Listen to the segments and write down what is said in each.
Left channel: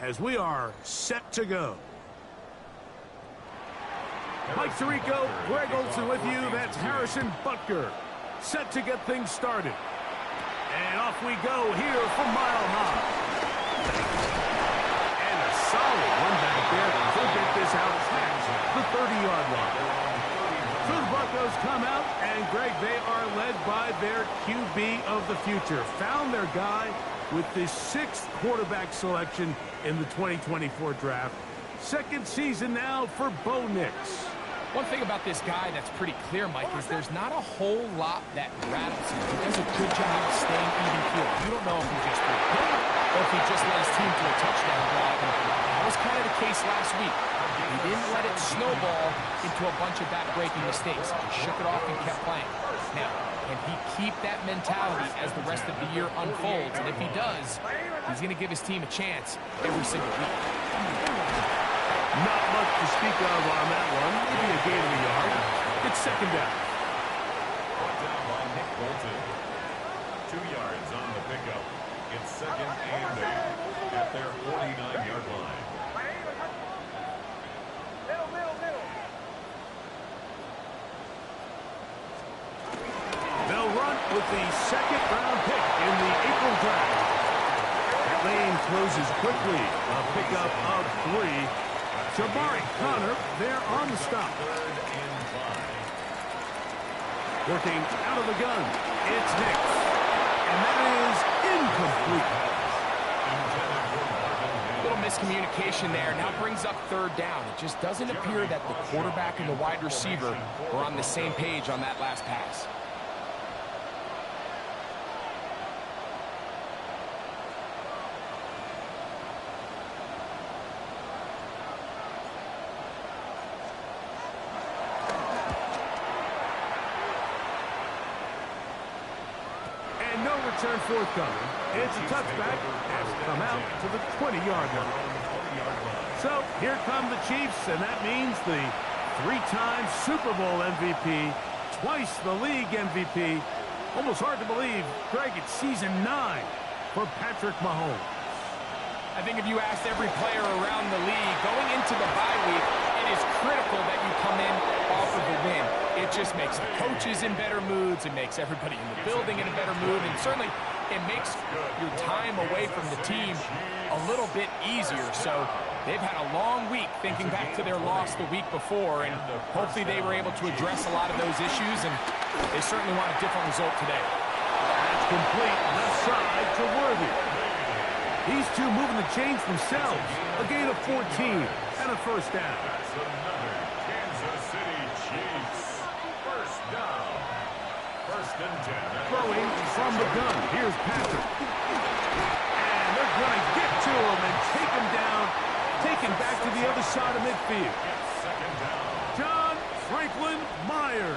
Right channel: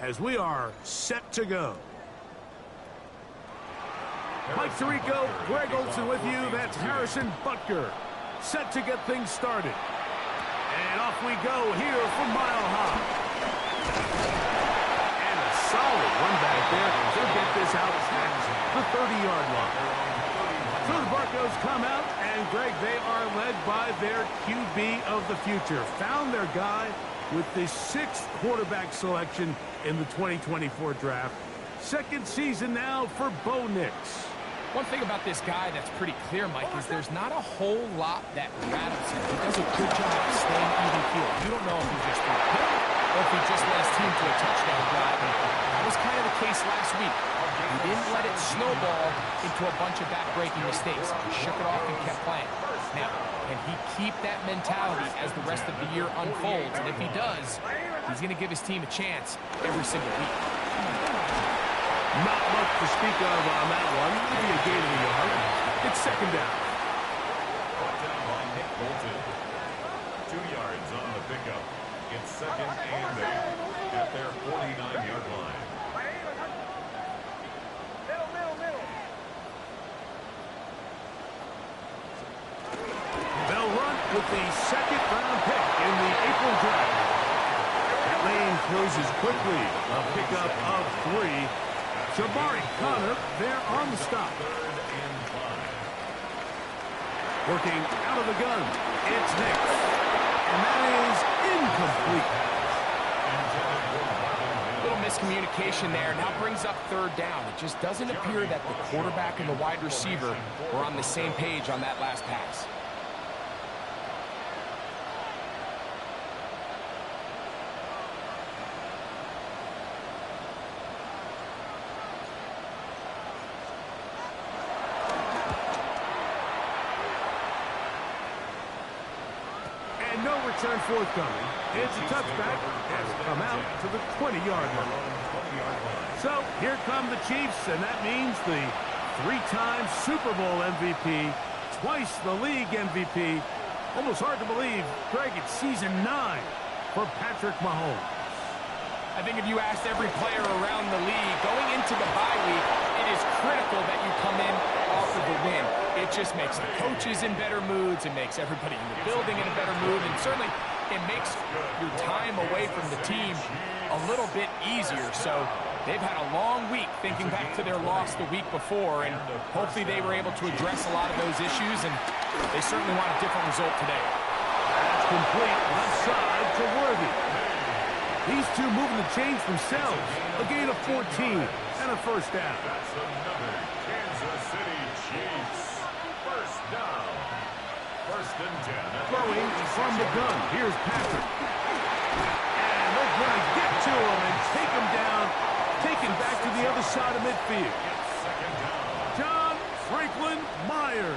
as we are set to go. Mike Tirico, Greg Olson with you. That's Harrison Butker, set to get things started. And off we go here from Mile High. And a solid run back there to get this out past the 30-yard line. So the Broncos come out, and Greg, they are led by their QB of the future. Found their guy with the 6th quarterback selection in the 2024 draft. Second season now for Bo Nix. One thing about this guy that's pretty clear, Mike, is there's not a whole lot that rattles him. He does a good job of staying even-keeled. You don't know if he just threw a pick or if he just led his team to a touchdown drive. And that was kind of the case last week. He didn't let it snowball into a bunch of back-breaking mistakes. He just shook it off and kept playing. Now, can he keep that mentality as the rest of the year unfolds? And if he does, he's going to give his team a chance every single week. Not much to speak of on that one. Maybe a gain of a yard. It's second down. Brought down by Nick Bolton. 2 yards on the pickup. It's second and 8 at their 49-yard line. They'll run with the 2nd-round pick in the April draft. That lane closes quickly. A pickup of 3. Jabari Connor there on the stop. 3rd and 5. Working out of the gun. It's Nix. And that is incomplete. Little miscommunication there. Now brings up 3rd down. It just doesn't appear that the quarterback and the wide receiver were on the same page on that last pass. No return forthcoming. It's a touchback and will come out to the 20-yard line. So here come the Chiefs, and that means the 3-time Super Bowl MVP, twice the league MVP. Almost hard to believe, Greg, it's season 9 for Patrick Mahomes. I think if you asked every player around the league going into the bye week, it is critical that you come in off of a win. It just makes the coaches in better moods. It makes everybody in the building in a better mood. And certainly it makes your time away from the team a little bit easier. So they've had a long week thinking back to their loss the week before. And hopefully they were able to address a lot of those issues. And they certainly want a different result today. That's complete left side to Worthy. These two moving the chains themselves. A gain of 14 and a first down. That's another Kansas City Chiefs first down. 1st and 10. Throwing from the gun. Here's Patrick. And they're going to get to him and take him down. Taken back to the other side of midfield. Second down. John Franklin Myers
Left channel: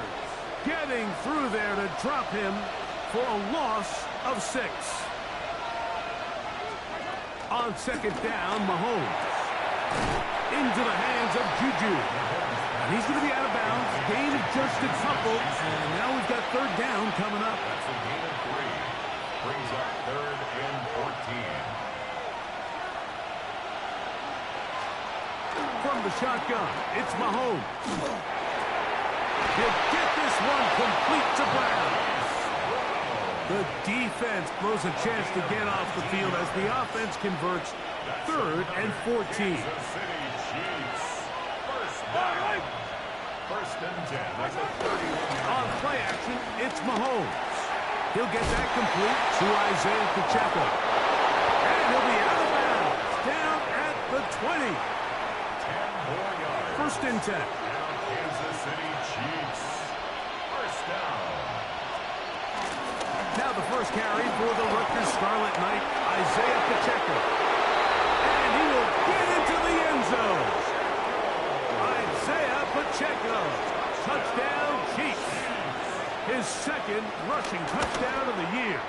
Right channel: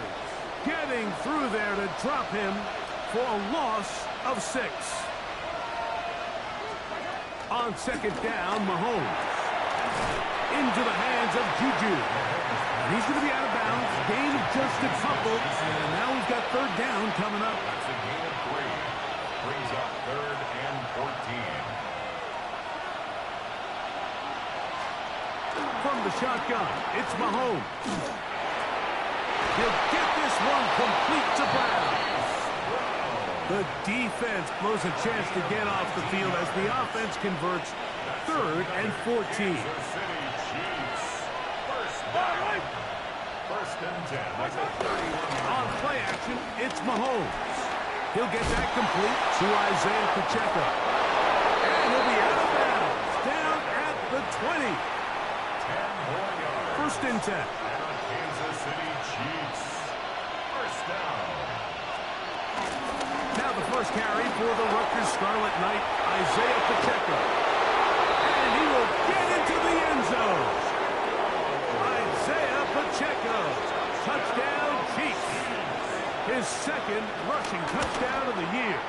getting through there to drop him for a loss of 6. On 2nd down, Mahomes. Into the hands of Juju. And he's going to be out of bounds. Gain of just a couple. And now we've got 3rd down coming up. That's a gain of 3. Brings up 3rd and 14. From the shotgun, it's Mahomes. He'll get this one complete to Brown. The defense blows a chance to get off the field as the offense converts 3rd and 14. Kansas City Chiefs first down. 1st and 10. That's a 31. On play action, it's Mahomes. He'll get that complete to Isaiah Pacheco. And he'll be out of bounds. Down at the 20. 10 more yards. 1st and 10. And a Kansas City Chiefs first down. Now the first carry for the Rutgers Scarlet Knight, Isaiah Pacheco. And he will get into the end zone. Isaiah Pacheco. Touchdown, Chiefs. His 2nd rushing touchdown of the year.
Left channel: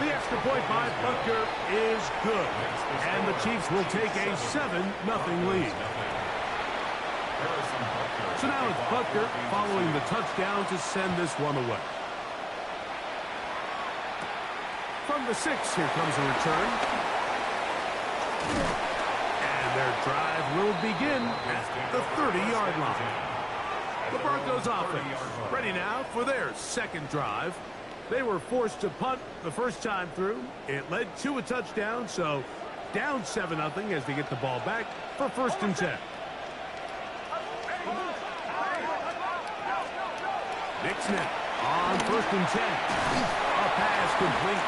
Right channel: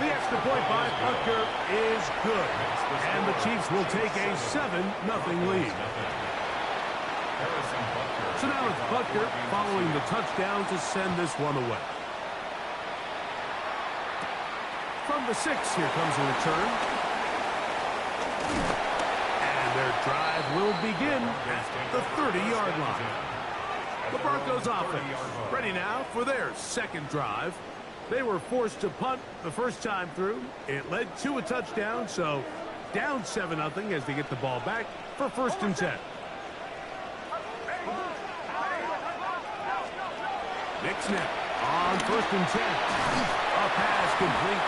The extra point by Butker is good. And the Chiefs will take a 7-0 lead. So now it's Butker following the touchdown to send this one away. From the 6, here comes a return. And their drive will begin at the 30-yard line. The Broncos offense ready now for their second drive. They were forced to punt the first time through. It led to a touchdown, so down 7-0 as they get the ball back for 1st and 10. Nick snap on 1st and 10. A pass complete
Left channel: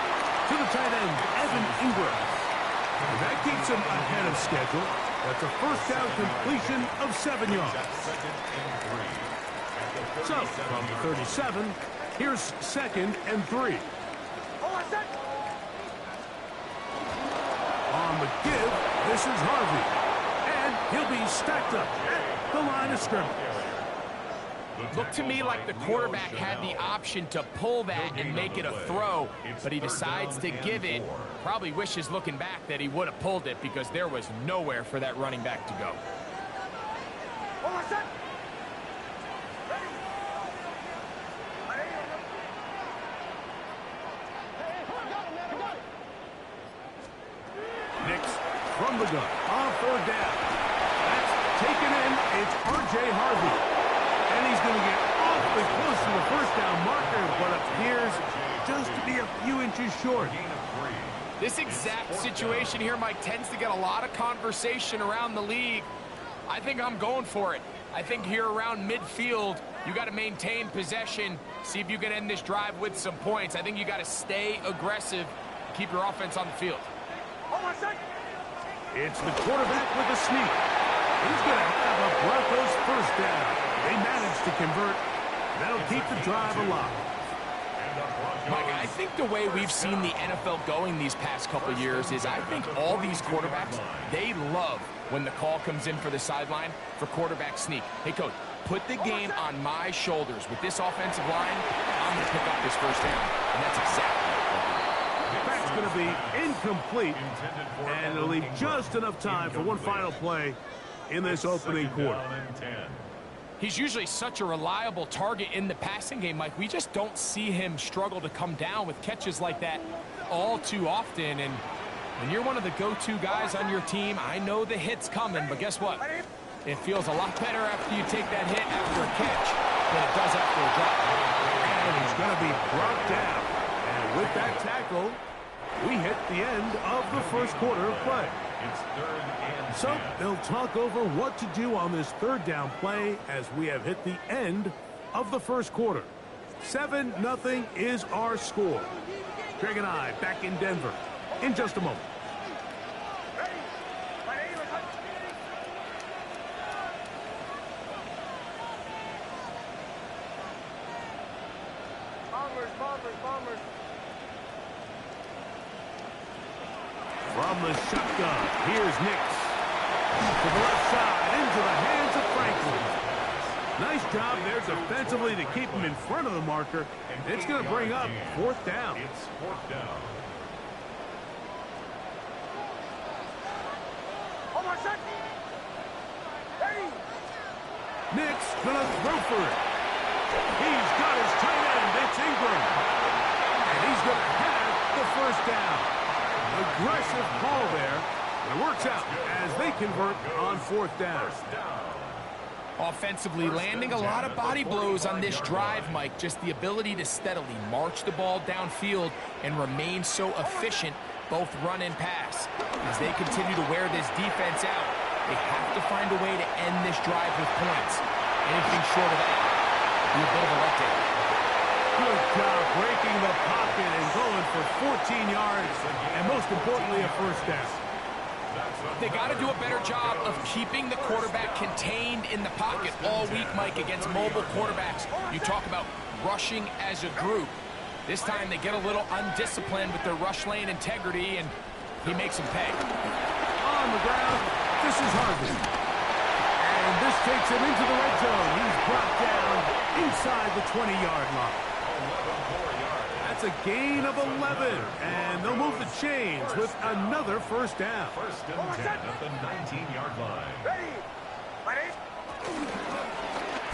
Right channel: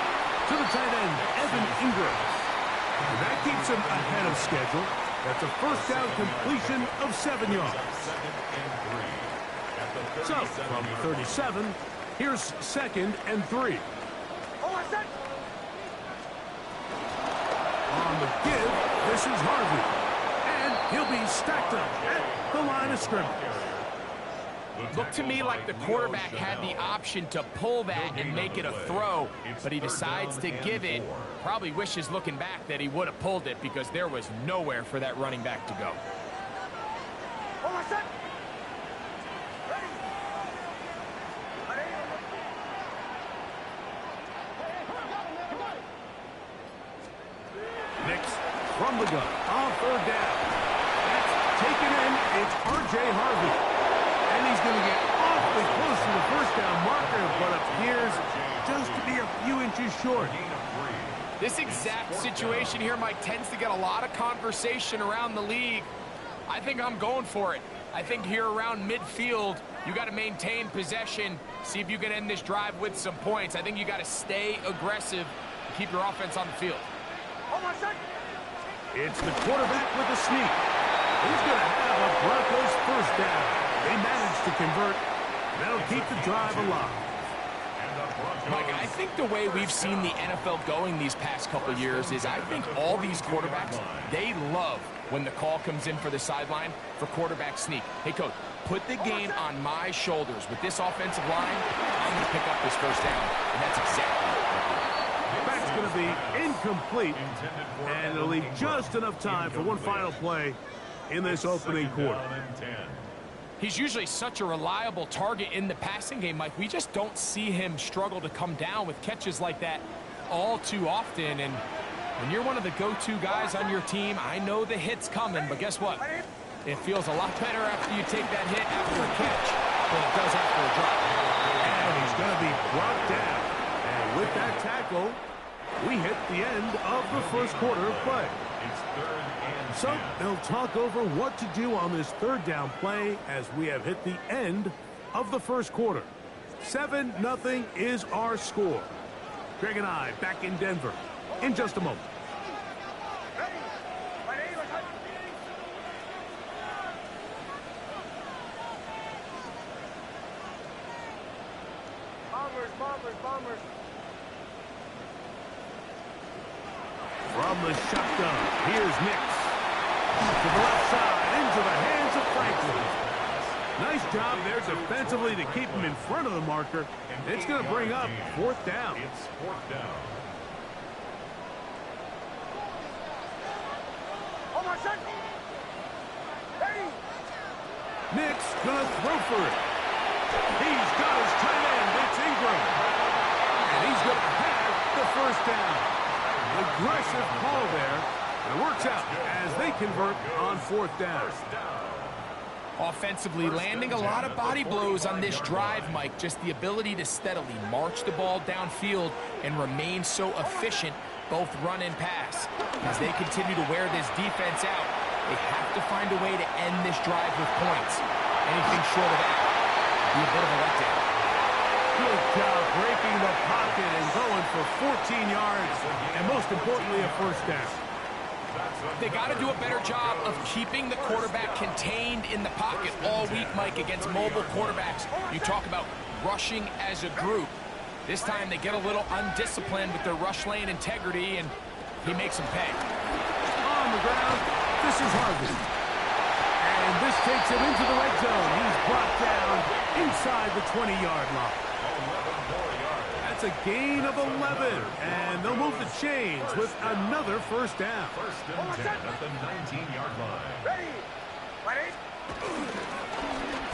to the tight end, Evan Ingram. And that keeps him ahead of schedule. That's a first down completion of 7 yards. So, from the 37, here's 2nd and 3. On the give, this is Harvey. And he'll be stacked up at the line of scrimmage. Looked to me like the quarterback had the option to pull that and make it a throw, but he decides to give it. Probably wishes looking back that he would have pulled it because there was nowhere for that running back to go. Nix from the gun on 3rd down. That's taken in. It's R.J. Harvey. And he's going to get awfully close to the first down marker, but appears just to be a few inches short. This exact situation here, Mike, tends to get a lot of conversation around the league. I think I'm going for it. I think here around midfield, you got to maintain possession, see if you can end this drive with some points. I think you got to stay aggressive, keep your offense on the field. It's the quarterback with a sneak. He's going to have a Broncos first down. They managed to convert. That'll keep the drive alive. Mike, I think the way we've seen the NFL going these past couple years is I think all these quarterbacks, they love when the call comes in for the sideline for quarterback sneak. Hey, coach, put the game on my shoulders. With this offensive line, I'm going to pick up this first down. And that's exactly what they did. That's going to be incomplete. And it'll leave just enough time for one final play in this opening quarter. He's usually such a reliable target in the passing game, Mike. We just don't see him struggle to come down with catches like that all too often. And when you're one of the go-to guys on your team, I know the hit's coming, but guess what? It feels a lot better after you take that hit after a catch than it does after a drop. And he's going to be brought down. And with that tackle, we hit the end of the first quarter of play. It's 3rd and 10. So they'll talk over what to do on this 3rd down play as we have hit the end of the first quarter. 7-0 is our score. Greg and I back in Denver in just a moment. Bombers. From the shotgun, here's Nix. To the left side, into the hands of Franklin. Nice job there defensively to keep him in front of the marker. It's going to bring up 4th down. It's 4th down. Nix going to throw for it. He's got his tight end. It's Ingram. And he's going to have the first down. Aggressive call there, but it works out as they convert on 4th down. Offensively, landing a lot of body blows on this drive, Mike. Just the ability to steadily march the ball downfield and remain so efficient, both run and pass. As they continue to wear this defense out, they have to find a way to end this drive with points. Anything short of that would be a bit of a letdown. Good job breaking the pocket and going for 14 yards, and most importantly, a first down. They got to do a better job of keeping the quarterback contained in the pocket all week, Mike, against mobile quarterbacks. You talk about rushing as a group. This time they get a little undisciplined with their rush lane integrity, and he makes them pay. On the ground, this is Harvey. And this takes him into the red zone. He's brought down inside the 20-yard line. 11 more yards. That's a gain of 11. And they'll move the chains with another first down. 1st and 10 at the 19-yard line. Ready?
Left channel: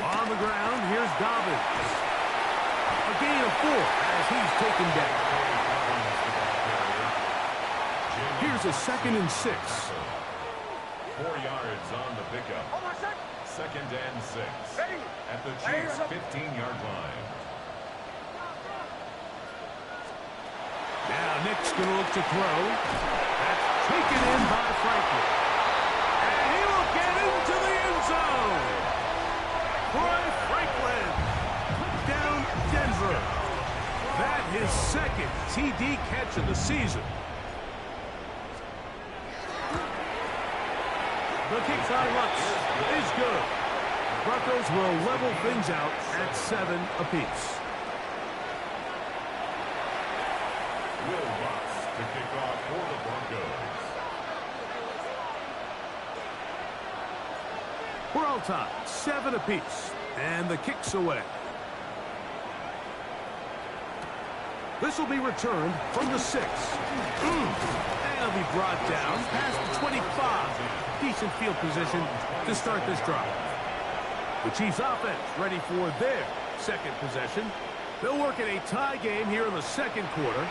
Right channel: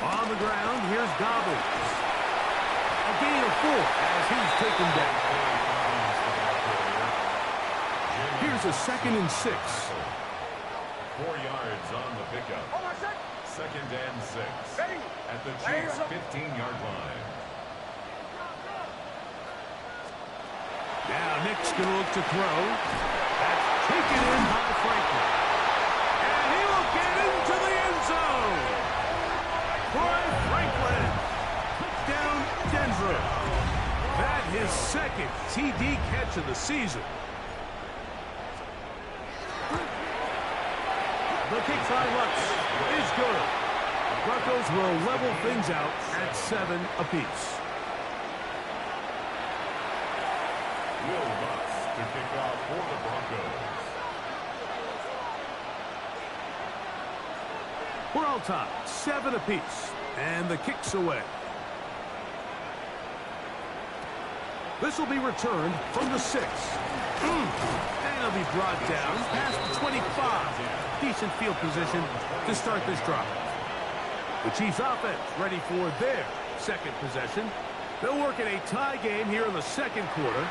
On the ground, here's Dobbins. A gain of 4 as he's taken down. Here's Here's a 2nd and 6. 4 yards on the pickup. 2nd and 6. At the Chiefs' 15-yard line. Now Nick's going to look to throw. That's taken in by Franklin. And he will get into the end zone. Troy Franklin. Touchdown, Denver. That his 2nd TD catch of the season. The kick by Lutz is good. The Broncos will level things out at 7 apiece. Will Lutz to kick off for the Broncos. We're all tied, 7 apiece, and the kick's away. This will be returned from the 6. And it'll be brought down past the 25. Decent field position to start this drive. The Chiefs offense ready for their 2nd possession. They'll work in a tie game here in the 2nd quarter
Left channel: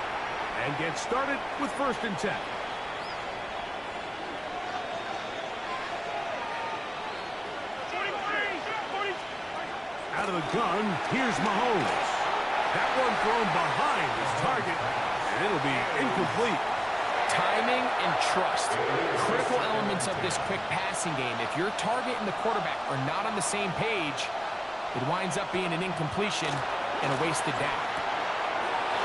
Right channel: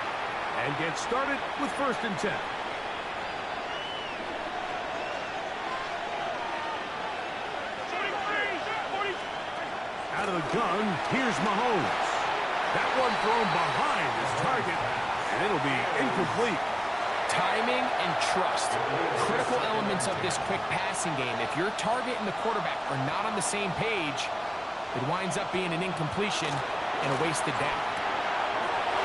and get started with 1st and 10. Out of the gun, here's Mahomes. That one thrown behind his target, and it'll be incomplete. Timing and trust, critical elements of this quick passing game. If your target and the quarterback are not on the same page, it winds up being an incompletion and a wasted down.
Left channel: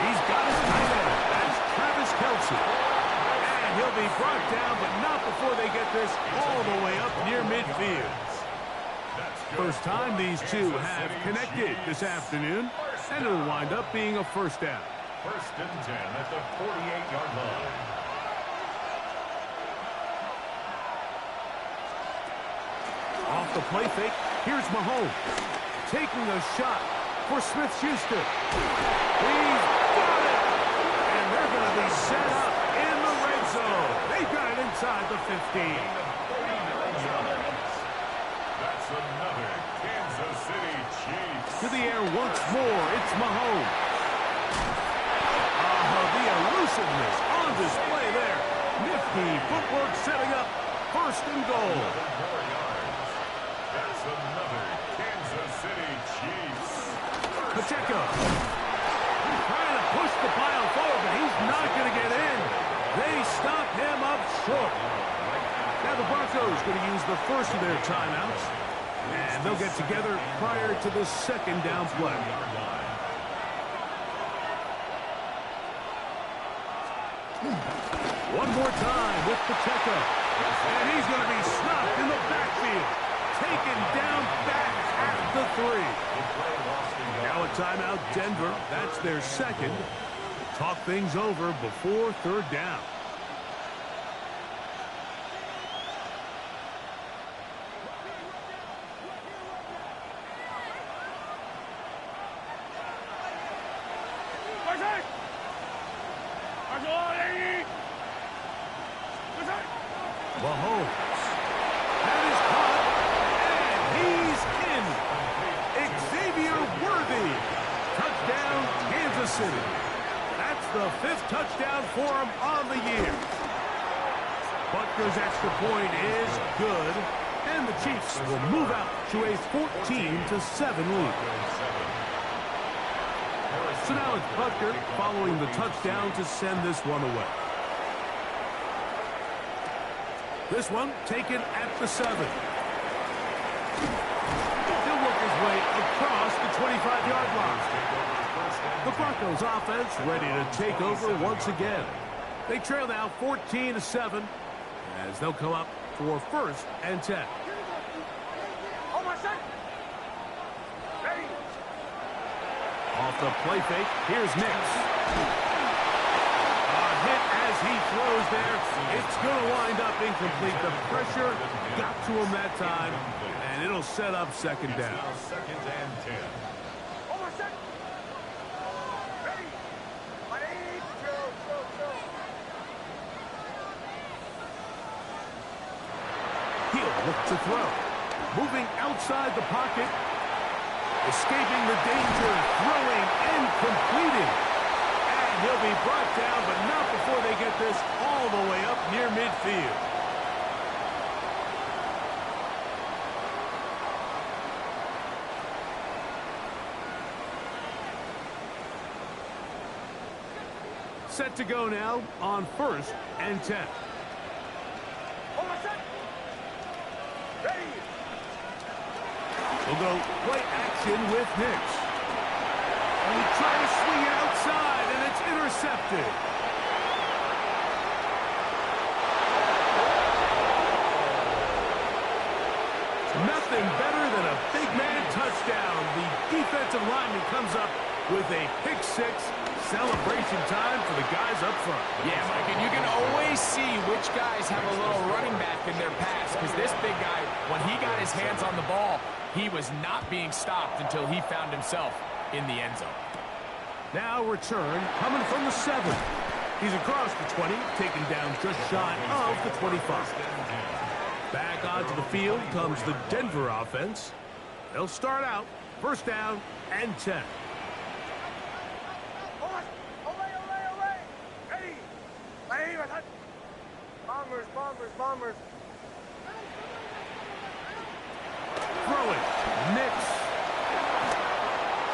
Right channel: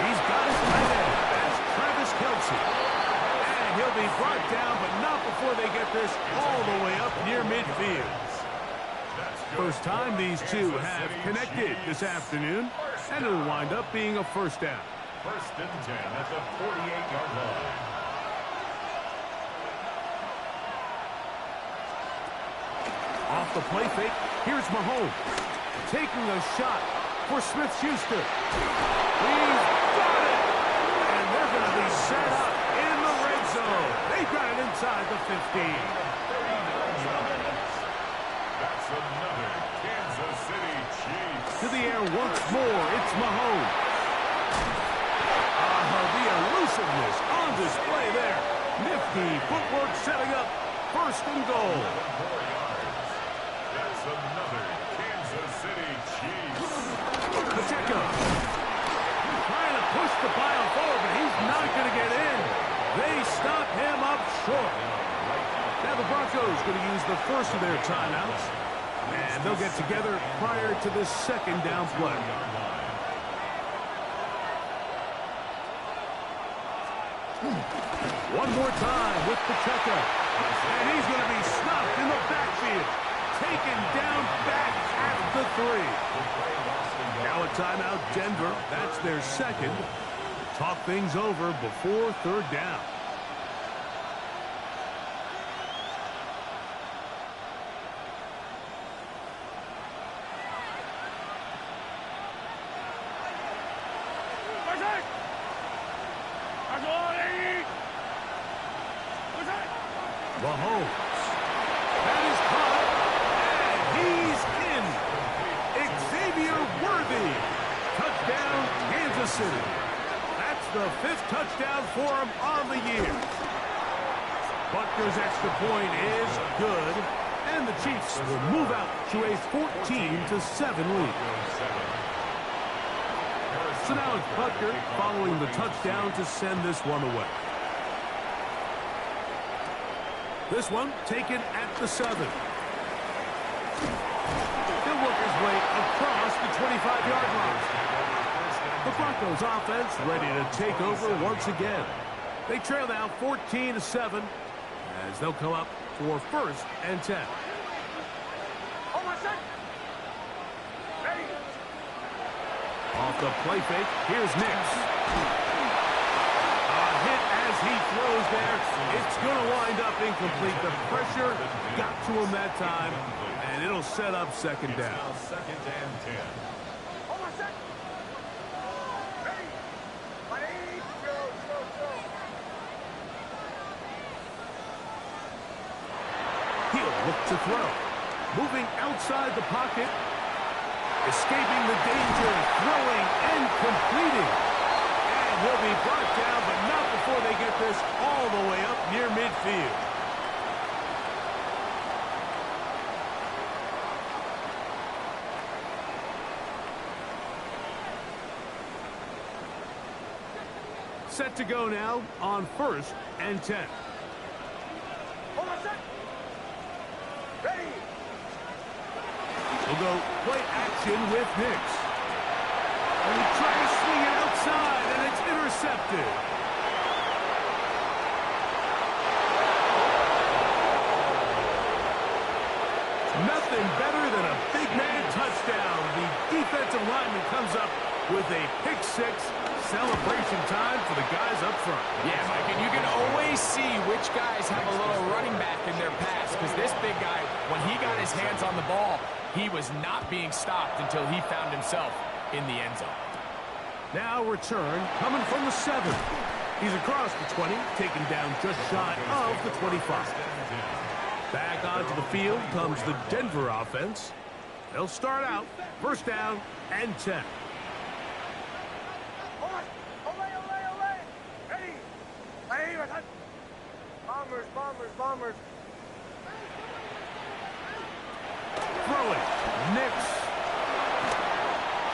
He's got his tight end. That's Travis Kelce. And he'll be brought down, but not before they get this all the way up near midfield. First time these two have connected this afternoon, and it'll wind up being a 1st down. 1st and 10 at the 48-yard line. Off the play fake, here's Mahomes. Taking a shot for Smith-Schuster. He's got it! And they're going to be set up in the red zone. They've got it inside the 15. 39 yards. That's another Kansas City Chiefs. To the air once more, it's Mahomes. The elusiveness on display there. Nifty footwork setting up 1st and goal. 11 more yards. That's another Kansas City Chiefs. Pacheco trying to push the pile forward, but he's not going to get in. They stop him up short. Now the Broncos going to use the first of their timeouts, and they'll get together prior to this 2nd down play. One more time with Pacheco. And he's going to be snuffed in the backfield. Taken down back at the 3. Now a timeout, Denver. That's their 2nd. Talk things over before 3rd down. Mahomes. That is caught, and he's in. Xavier Worthy. Touchdown, Kansas City. That's the 5th touchdown for him on the year. Butker's extra point is good, and the Chiefs will move out to a 14-7 lead. So now it's Butker following the touchdown to send this one away. This one taken at the 7. He'll work his way across the 25-yard line. The Broncos offense ready to take over once again. They trail now 14-7 as they'll come up for 1st and 10. Off the play fake, here's Nix. Hit as he throws there. It's going to wind up incomplete. The pressure got to him that time, and it'll set up 2nd down. 2nd and 10. He'll look to throw. Moving outside the pocket. Escaping the danger, throwing and completing. And he'll be brought down, but not before they get this all the way up near midfield. Set to go now on 1st and 10. Ready. We'll go play action with Nix. And he tried to swing it outside, and it's intercepted. Nothing better than a big man touchdown. The defensive lineman comes up with a pick six. Celebration time for the guys up front. Yeah, Mike, and you can always see which guys have a little running back in their pass, because this big guy, when he got his hands on the ball, he was not being stopped until he found himself in the end zone. Now return coming from the 7. He's across the 20, taken down just shy of the 25. Back onto the field comes the Denver offense. They'll start out 1st down and 10. Ready. Ready. Bombers, bombers, bombers. Throwing. Nix.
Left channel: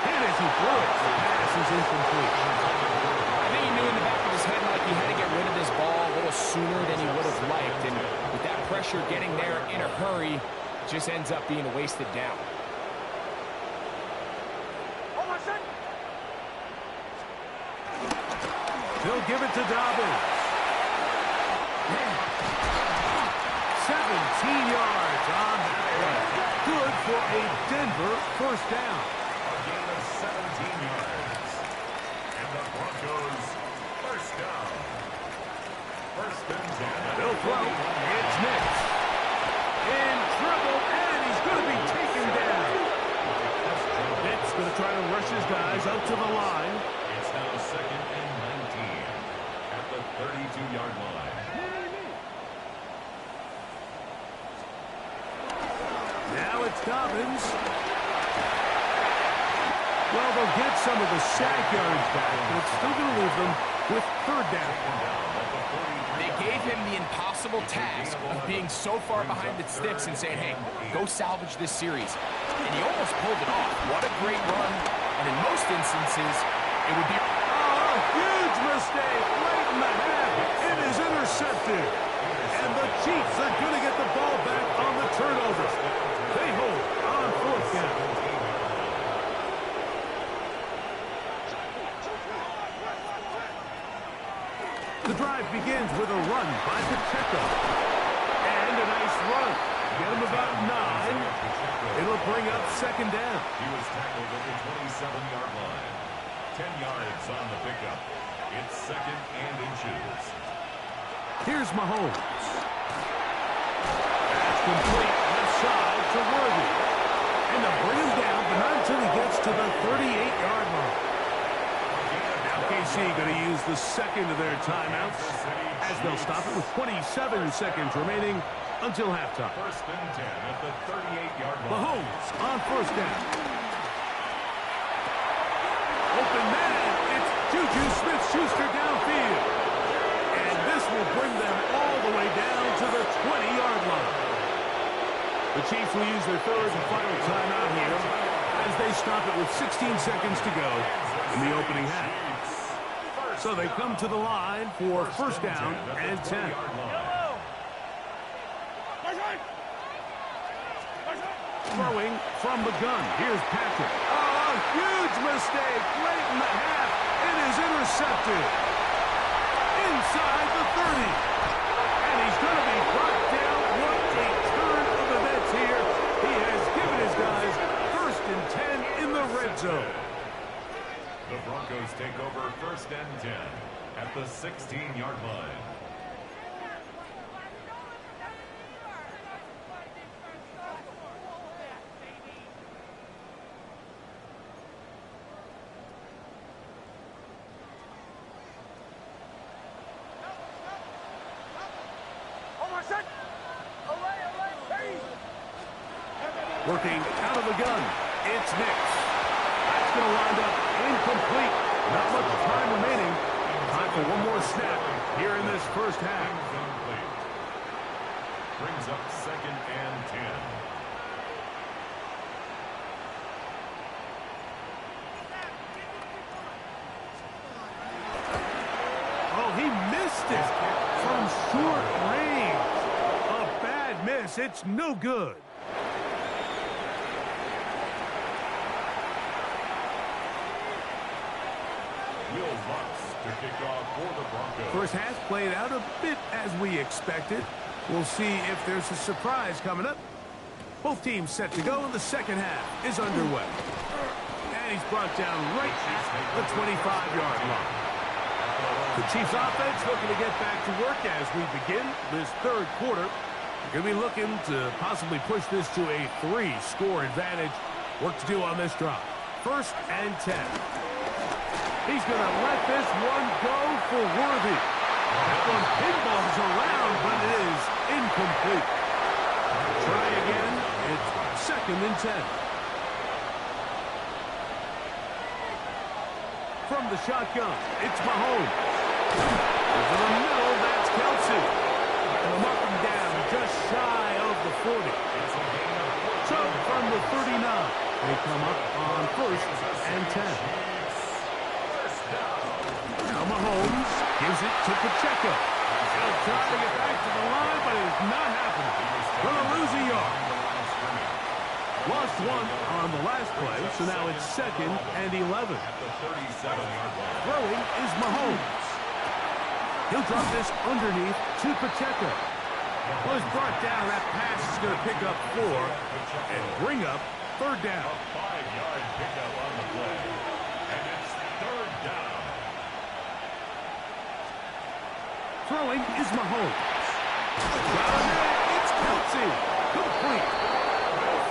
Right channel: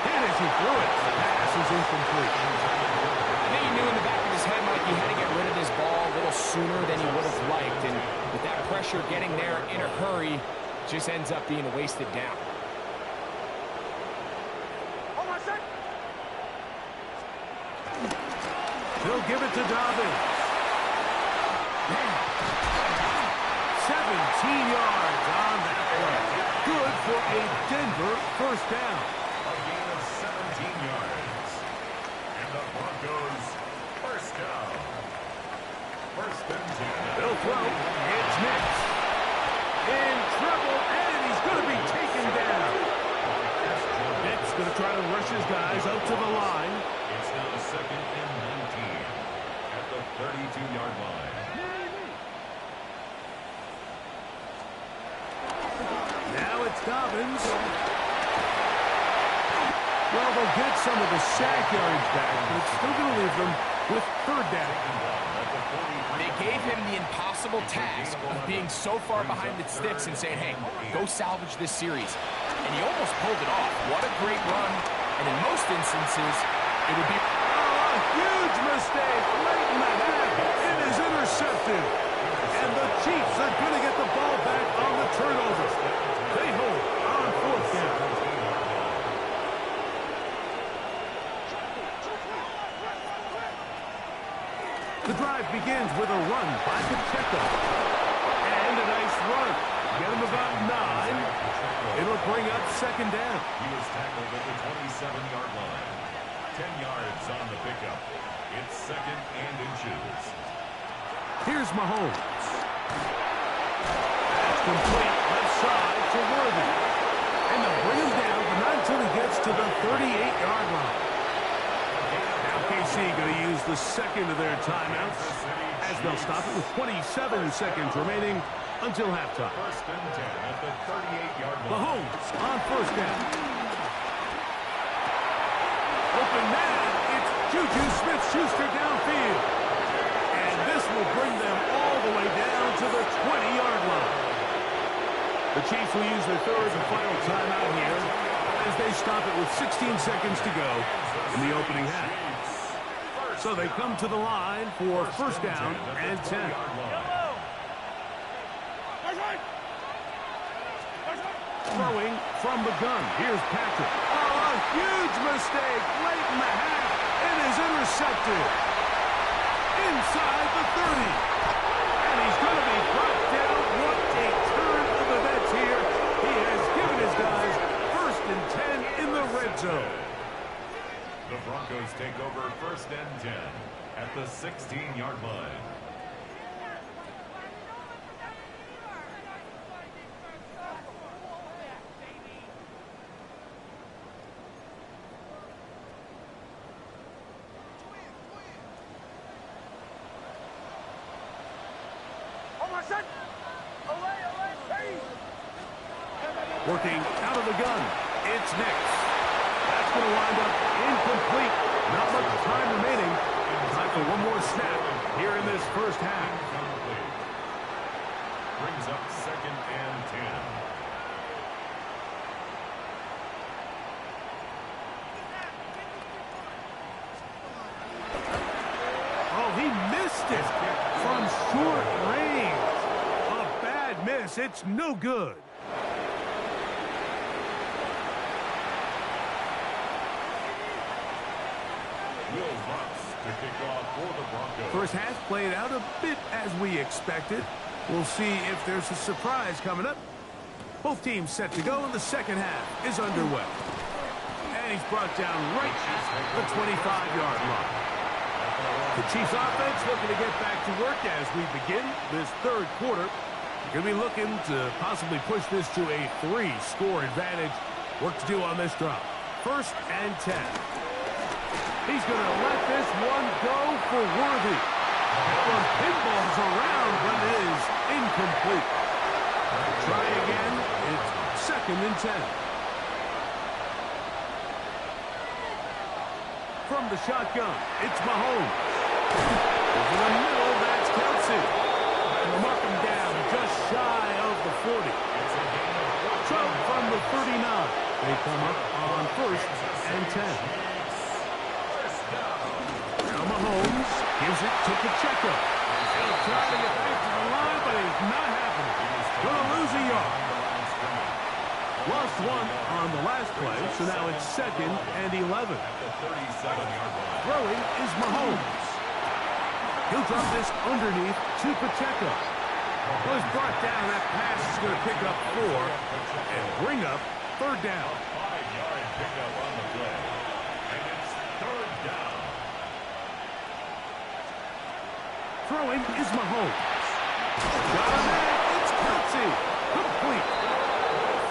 Hit as he threw it. The pass is incomplete. I think he knew in the back of his head, Mike, he had to get rid of this ball a little sooner than he would have liked. And with that pressure getting there in a hurry, just ends up being a wasted down. They'll give it to Dobbins. 17 yards on that play. Good for a Denver 1st down. A gain of 17 yards. And the Broncos 1st down. 1st and 10. They'll throw. It's Nix. In trouble, and he's going to be taken down. Nix going to try to rush his guys up to the line. It's now 2nd and 19 at the 32-yard line. Now it's Dobbins. Well, they'll get some of the sack yardage back, but it's still going to leave them with 3rd down. They gave him the impossible task of being so far behind the sticks and saying, hey, go salvage this series. And he almost pulled it off. What a great run. And in most instances, it would be... Oh, a huge mistake late in the half. It is intercepted. And the Chiefs are going to get the ball back on the turnover. They hold on 4th down. The drive begins with a run by Pacheco. And a nice run. Get him about 9. It'll bring up 2nd down. He was tackled at the 27-yard line. 10 yards on the pickup. It's 2nd and inches. Here's Mahomes. That's complete. Left side to Worthy. And they'll bring him down, but not until he gets to the 38-yard line. Now KC going to use the 2nd of their timeouts as they'll stop it with 27 seconds remaining until halftime. 1st and 10 at the 38-yard line. Mahomes on 1st down. Open man. It's Juju Smith-Schuster downfield. And this will bring them all the way down to the 20-yard line. The Chiefs will use their 3rd and final timeout here as they stop it with 16 seconds to go in the opening half. So they come to the line for 1st down and 10. Throwing from the gun. Here's Patrick. Oh, a huge mistake late in the half. It is intercepted. Inside the 30. And he's going to be brought down. What a turn of events here. He has given his guys 1st and 10 in the red zone. The Broncos take over 1st and 10 at the 16-yard line. Working out of the gun. It's Nix. That's going to wind up incomplete. Not much time remaining for one more snap here in this first half. Incomplete. Brings up 2nd and 10. Oh, he missed it from short range. A bad miss. It's no good. Will Lutz to kick off for the Broncos. First half played out a bit as we expected. We'll see if there's a surprise coming up. Both teams set to go, and the second half is underway. And he's brought down right at the 25-yard line. The Chiefs offense looking to get back to work as we begin this third quarter. Going to be looking to possibly push this to a 3-score advantage. Work to do on this drive. 1st and 10. He's going to let this one go for Worthy. That one pinballs around, but it is incomplete. Try again. It's 2nd and 10. From the shotgun, it's Mahomes. Over the middle, that's Kelsey. And they'll mark him down just shy of the 40. So from the 39, they come up on 1st and 10. Now Mahomes gives it to Pacheco. He'll try to get back to the line, but it's not happening. Gonna lose a yard. Lost one on the last play, so now it's 2nd and 11. Throwing is Mahomes. He'll drop this underneath to Pacheco. Well, he's brought down. That pass is going to pick up 4 and bring up 3rd down. A 5-yard pickup on the play. And it's 3rd down. Throwing is Mahomes. Got him there. It's Kelsey. Complete.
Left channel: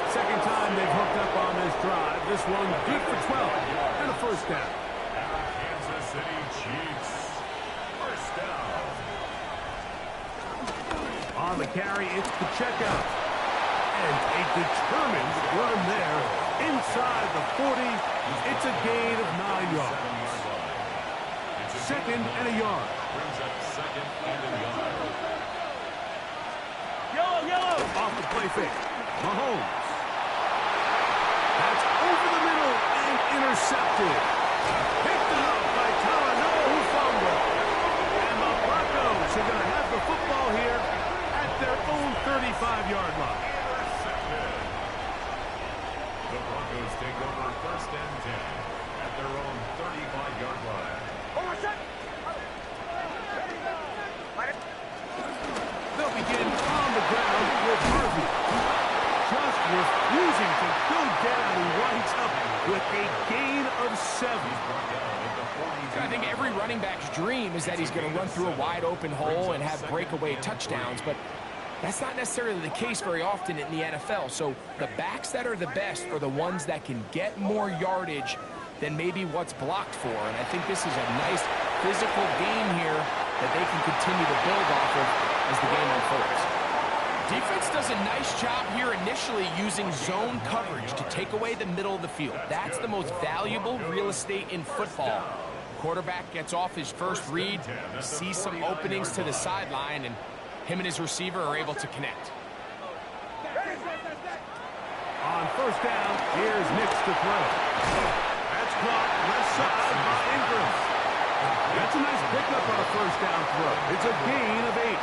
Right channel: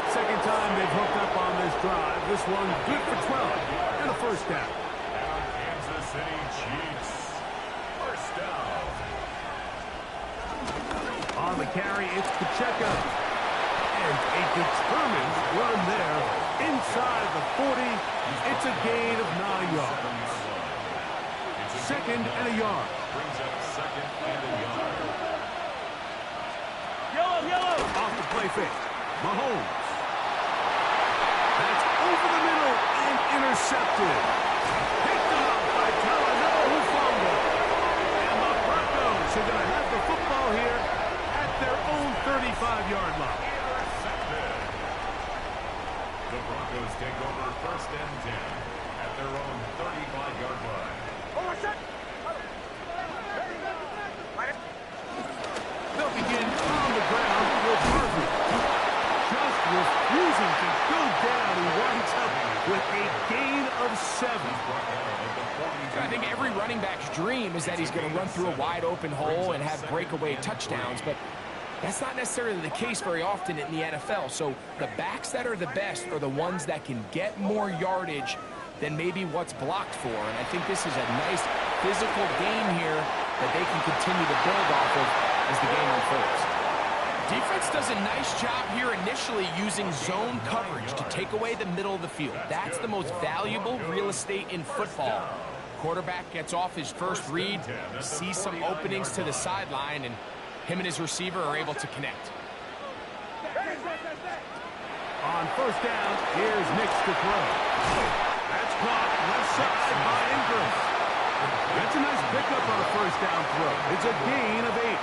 Second time they've hooked up on this drive. This one good for 12 and a 1st down. Our Kansas City Chiefs. 1st down. On the carry, it's Pacheco. And a determined run there inside the 40. It's a gain of 9 yards. 2nd and a yard. Brings up 2nd and a yard. Yellow. Off the play fake. Mahomes. That's over the middle and intercepted. Picked up by Talanoa Hufanga. And the Broncos are going to have the football here at their own 35-yard line. Intercepted. The Broncos take over 1st and 10 at their own 35-yard line. They'll begin on the ground with Harvey. Just refusing to go down. He winds up with a gain of 7. I think every running back's dream is that he's going to run through a wide open hole and have breakaway touchdowns, but that's not necessarily the case very often in the NFL. So the backs that are the best are the ones that can get more yardage than maybe what's blocked for. And I think this is a nice physical game here that they can continue to build off of as the game unfolds. Defense does a nice job here initially using zone coverage to take away the middle of the field. That's the most valuable real estate in football. Quarterback gets off his first read, sees some openings to the sideline, and him and his receiver are able to connect. On 1st down, here's Nix to throw. That's caught left side by Ingram. That's a nice pickup on a 1st down throw. It's a gain of 8.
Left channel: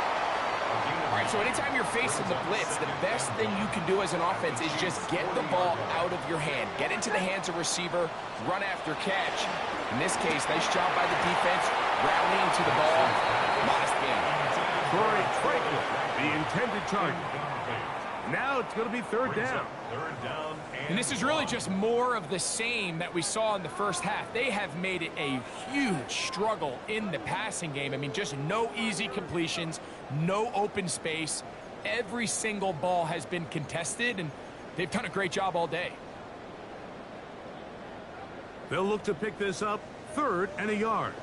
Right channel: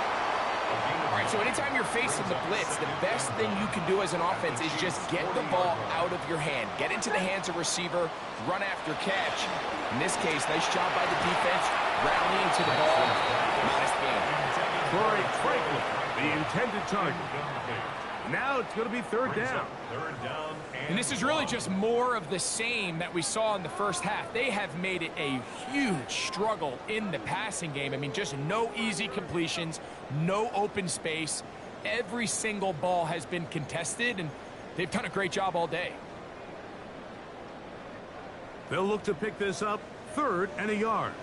All right, so anytime you're facing the blitz, the best thing you can do as an offense is just get the ball out of your hand. Get into the hands of receiver, run after catch. In this case, nice job by the defense, rallying to the ball. Modest gain. Corey Franklin, the intended target. Now it's going to be 3rd down. 3rd down. And this is really just more of the same that we saw in the first half. They have made it a huge struggle in the passing game. I mean, just no easy completions, no open space. Every single ball has been contested, and they've done a great job all day. They'll look to pick this up 3rd and a yard.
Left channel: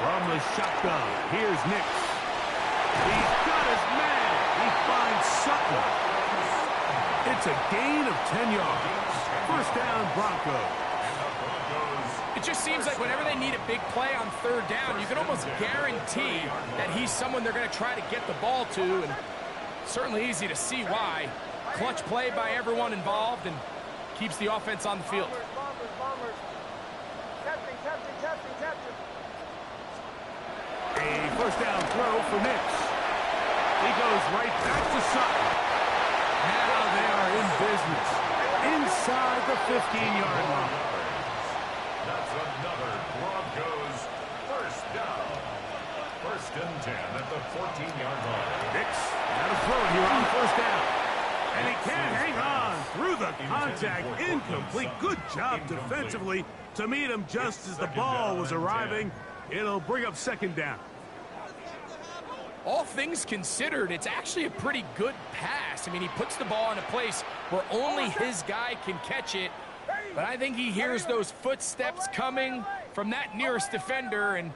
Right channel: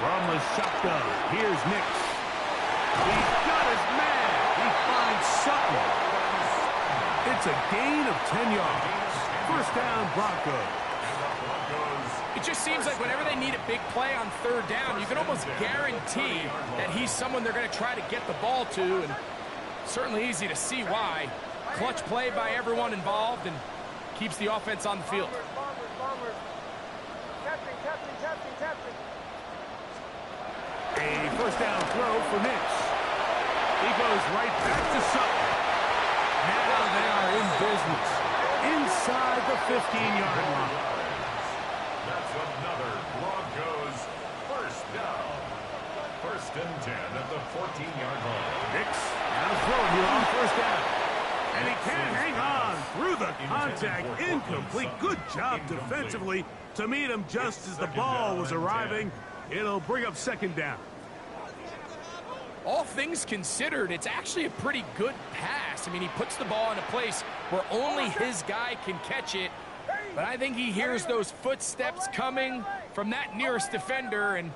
From the shotgun, here's Nix. He's got his man. He finds Sutton. It's a gain of 10 yards. 1st down, Broncos. It just seems like whenever they need a big play on third down, you can almost guarantee that he's someone they're going to try to get the ball to, and certainly easy to see why. Clutch play by everyone involved and keeps the offense on the field. Bombers. Captain. A first down throw for Nix. He goes right back to Sutton. Now they are in business inside the 15-yard line. That's another Broncos first down. 1st and 10 at the 14-yard line. Nix out of throwing here on first down. And he can't hang on through the contact. Incomplete. Good job defensively to meet him just as the ball was arriving. It'll bring up 2nd down. All things considered, it's actually a pretty good pass. I mean, he puts the ball in a place where only his guy can catch it. But I think he hears those footsteps coming from that nearest defender, and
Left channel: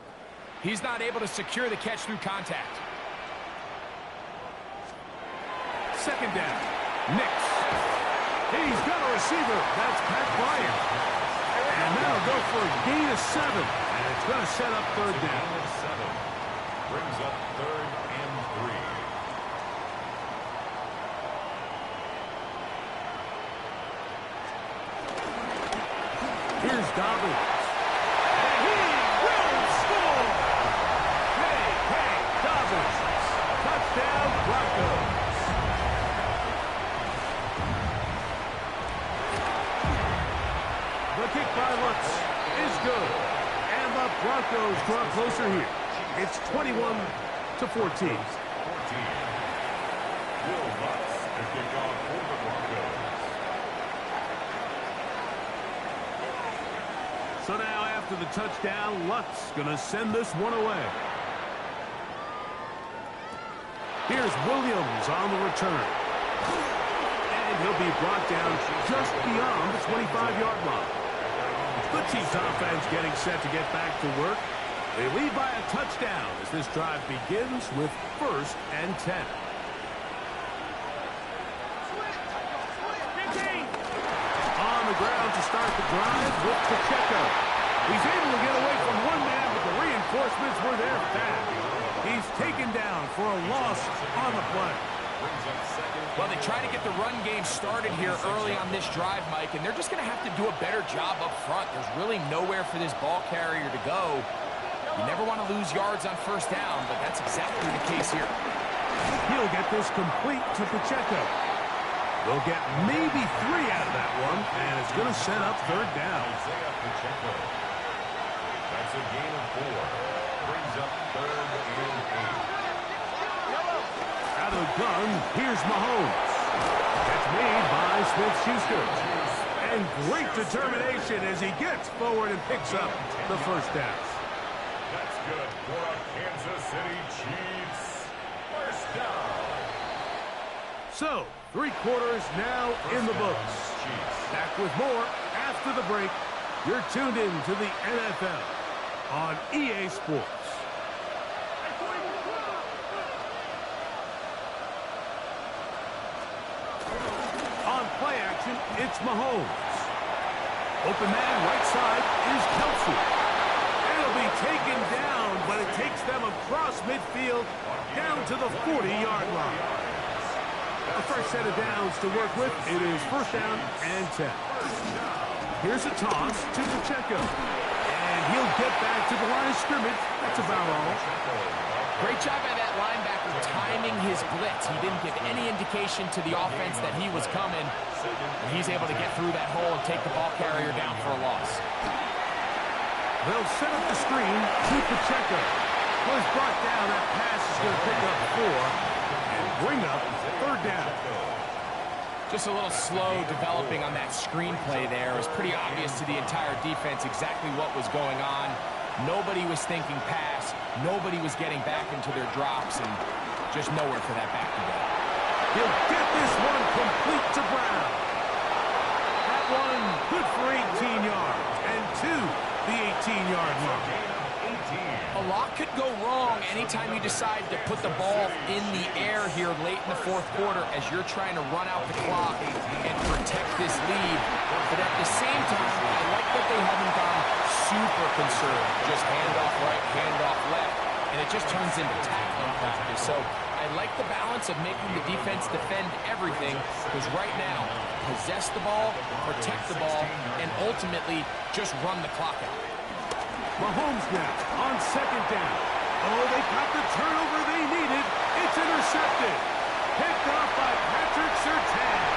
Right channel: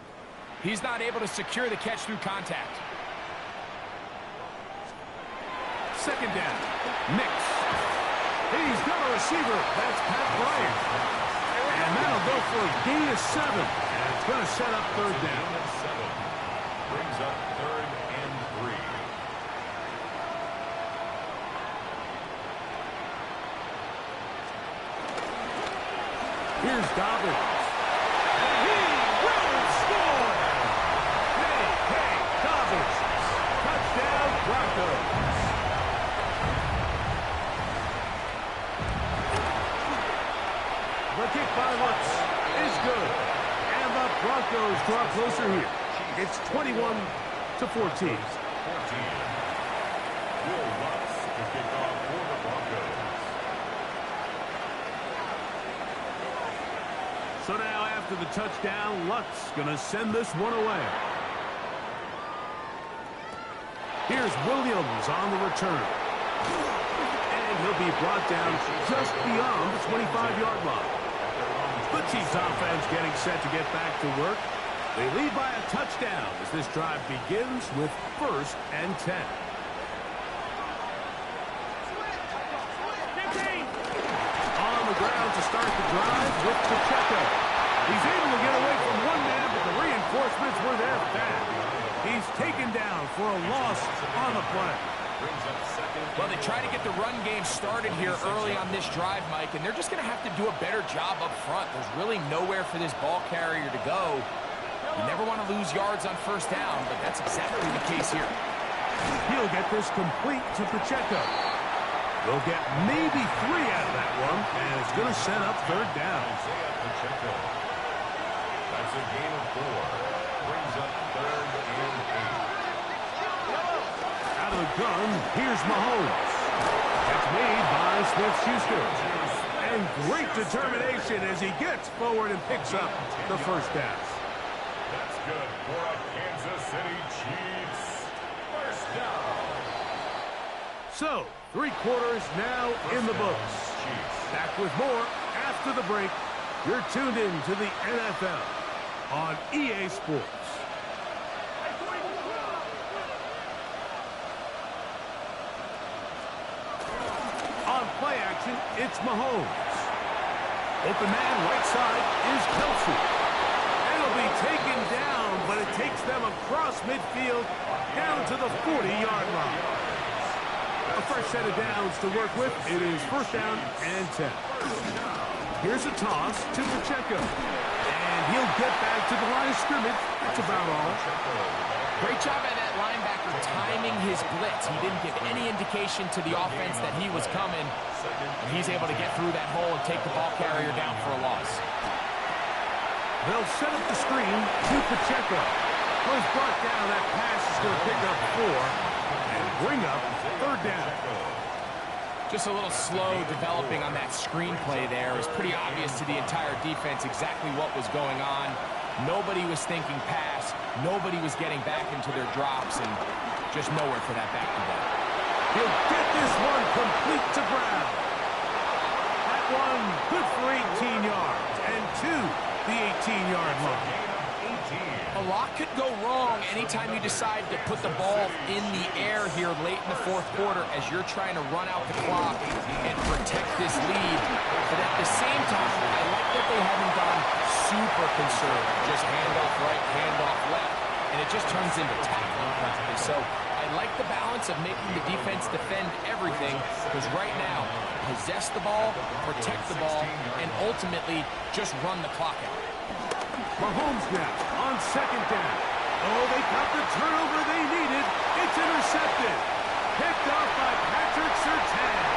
he's not able to secure the catch through contact. 2nd down. Nix. He's got a receiver. That's Pat Bryant. And that'll go for a gain of 7. And it's going to set up 3rd down. Gain of 7. Brings up 3rd and 3. Here's Dobbins. And he will score! Hey, Dobbins. Touchdown, Broncos. The kick by Lutz is good. And the Broncos draw closer here. It's 21-14. Will Lutz to kick off for the Broncos. So now after the touchdown, Lutz going to send this one away. Here's Williams on the return. And he'll be brought down just beyond the 25-yard line. The Chiefs offense getting set to get back to work. They lead by a touchdown as this drive begins with 1st and 10. On the ground to start the drive with Pacheco. He's able to get away from one man, but the reinforcements were there fast. He's taken down for a loss on the play. Well, they try to get the run game started here early on this drive, Mike, and they're just going to have to do a better job up front. There's really nowhere for this ball carrier to go. You never want to lose yards on 1st down, but that's exactly the case here. He'll get this complete to Pacheco. They'll get maybe 3 out of that one, and it's going to set up 3rd down. That's a gain of 4. Brings up 3rd and 8. Out of the gun, here's Mahomes. That's made by Smith-Schuster. And great determination as he gets forward and picks up the 1st down. That's good for a Kansas City Chiefs 1st down. So, 3 quarters now in the books. Back with more after the break. You're tuned in to the NFL on EA Sports. On play action, it's Mahomes. Open man right side is Kelsey. And it'll be taken down, but it takes them across midfield down to the 40-yard line. A fresh set of downs to work with. It is 1st down and 10. Here's a toss to Pacheco. And he'll get back to the line of scrimmage. That's about all. Great job by that linebacker timing his blitz. He didn't give any indication to the offense that he was coming. And he's able to get through that hole and take the ball carrier down for a loss. They'll set up the screen to Pacheco. Well, he's brought down. That pass is going to pick up 4 and bring up 3rd down. Just a little slow developing on that screenplay there. It was pretty obvious to the entire defense exactly what was going on. Nobody was thinking pass. Nobody was getting back into their drops, and just nowhere for that back to go. He'll get this one complete to Brown. That one good for 18 yards and to the 18-yard line. A lot could go wrong anytime you decide to put the ball in the air here late in the 4th quarter as you're trying to run out the clock and protect this lead. But at the same time, I like that they have super concerned. Just handoff right, handoff left, and it just turns into tackling practice. So I like the balance of making the defense defend everything, because right now, possess the ball, protect the ball, and ultimately just run the clock out. Mahomes now on second down. Oh, they got the turnover they needed. It's intercepted. Picked off by Patrick Surtain.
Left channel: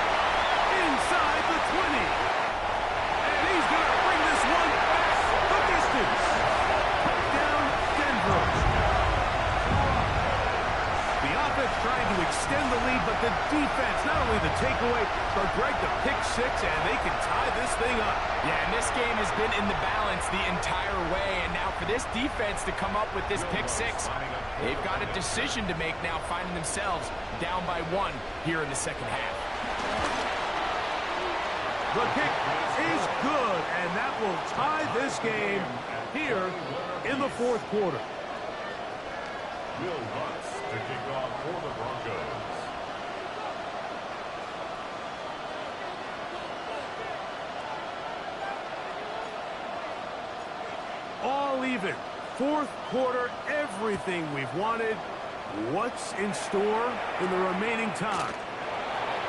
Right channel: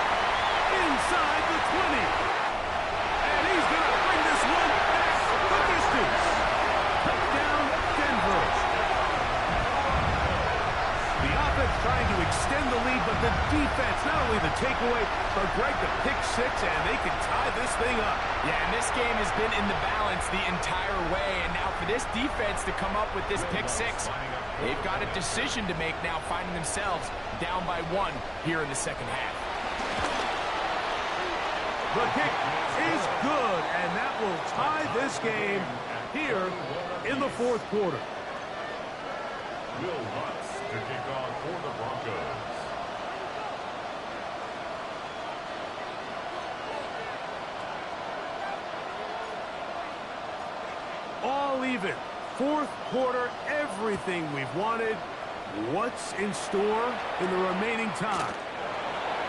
Inside the 20. And he's going to bring this one back the distance. Touchdown, Denver. The offense trying to extend the lead, but the defense, not only the takeaway, but Greg, the pick six, and they can tie this thing up. Yeah, and this game has been in the balance the entire way, and now for this defense to come up with this pick six, they've got a decision to make now, finding themselves down by 1 here in the second half. The kick is good, and that will tie this game here in the fourth quarter. Will Lutz to kick off for the Broncos. All even. Fourth quarter, everything we've wanted. What's in store in the remaining time?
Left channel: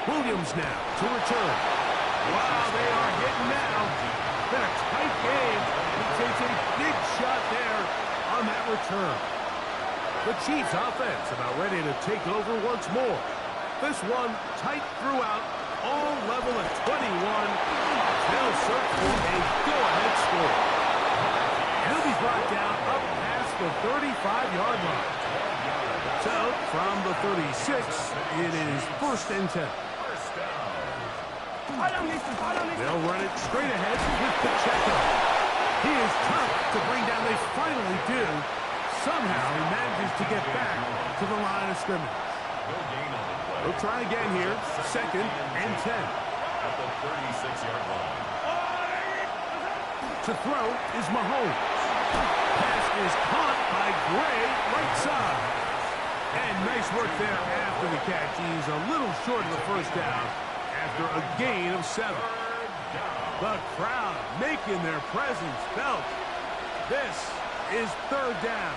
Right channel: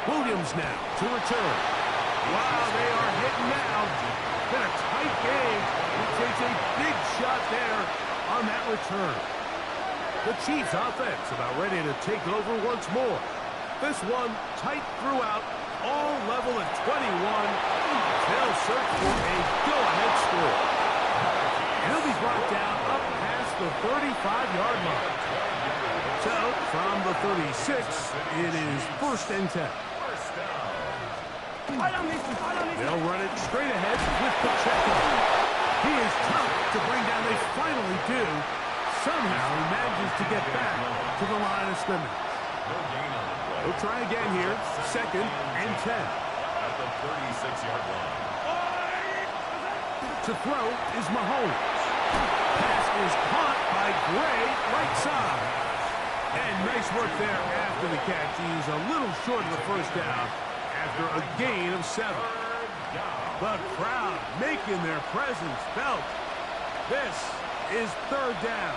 Williams now to return. Wow, they are hitting now. Been a tight game. He takes a big shot there on that return. The Chiefs offense about ready to take over once more. This one tight throughout, all level at 21. They'll search for a go-ahead score. And he'll be brought down up past the 35-yard line. So, from the 36, it is 1st and 10. They'll run it straight ahead with Pacheco. He is tough to bring down. They finally do. Somehow he manages to get back to the line of scrimmage. They'll try again here. 2nd and 10. At the 36-yard line. To throw is Mahomes. Pass is caught by Gray, right side. And nice work there after the catch. He's a little short of the first down after a gain of 7. The crowd making their presence felt. This is 3rd down.